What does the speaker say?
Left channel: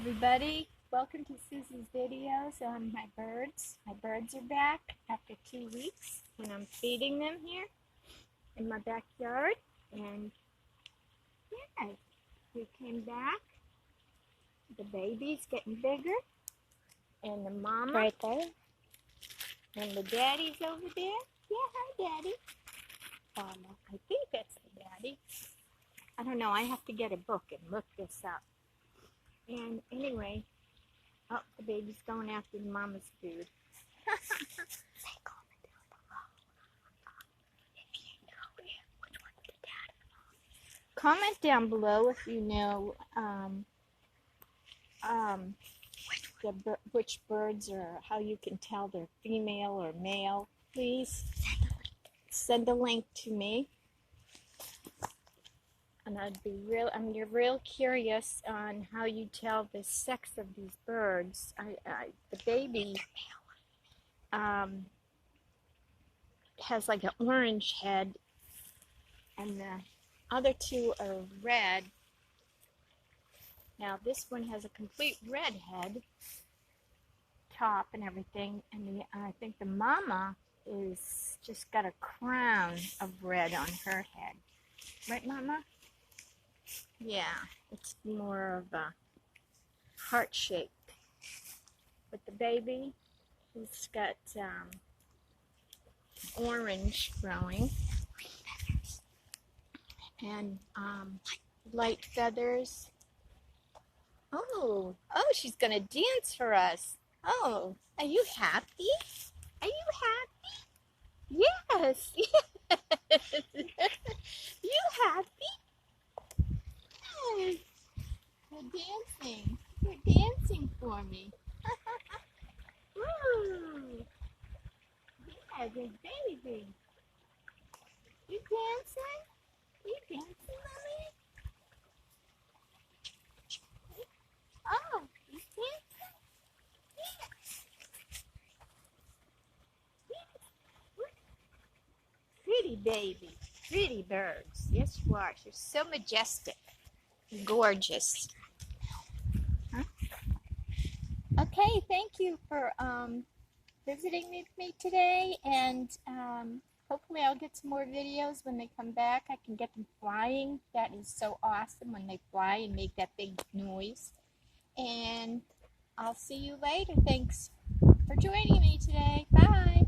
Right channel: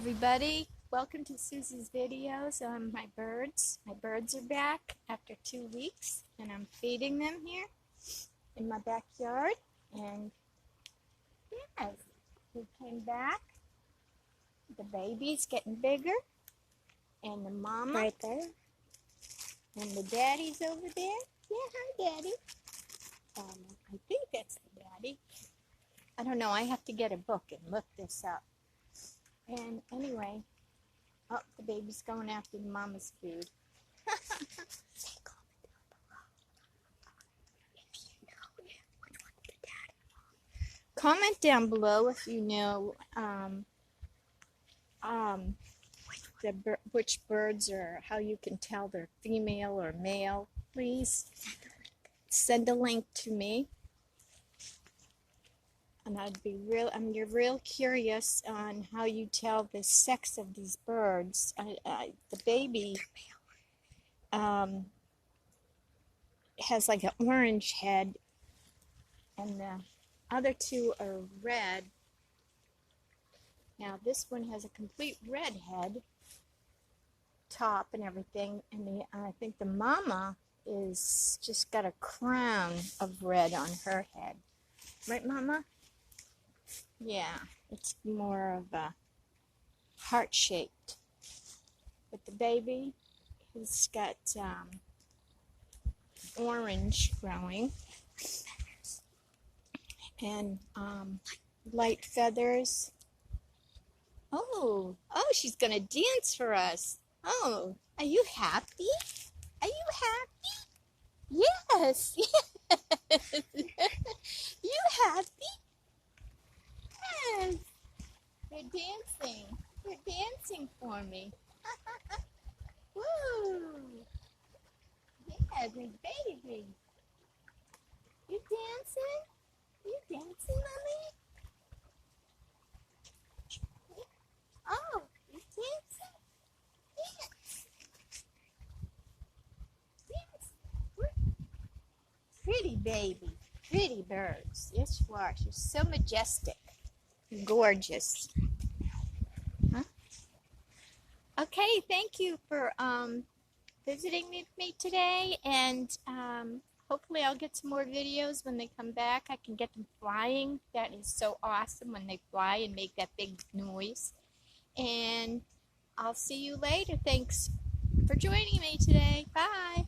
everybody, welcome to Susie's videos on my birds. My birds are back after 2 weeks and I'm feeding them here in my backyard. And yes, we came back. The baby's getting bigger and the mama right there and the daddy's over there. Yeah, hi daddy. I think that's the daddy. I don't know, I have to get a book and look this up. And anyway, oh, the baby's going after the mama's food. Comment down below if you know which birds or how you can tell they're female or male. Please send a link to me. And I'm real curious on how you tell the sex of these birds. The baby has like an orange head, and the other two are red. Now this one has a complete red head, top and everything, and I think the mama is just got a crown of red on her head. Right, Mama? Yeah, it's more of a heart-shaped. But the baby, he's got orange growing and light feathers. Oh, she's going to dance for us. Oh, are you happy? Are you happy? Yes. You happy? Yes. You're dancing. You're dancing for me. Woo. Yeah, good baby. You dancing? You dancing, mommy? Oh, you dancing? Yes. Yes. Pretty baby. Pretty birds. Yes, you are. You're so majestic. Gorgeous. Huh? Okay, thank you for visiting with me today, and hopefully I'll get some more videos when they come back. I can get them flying. That is so awesome when they fly and make that big noise. And I'll see you later. Thanks for joining me today. Bye.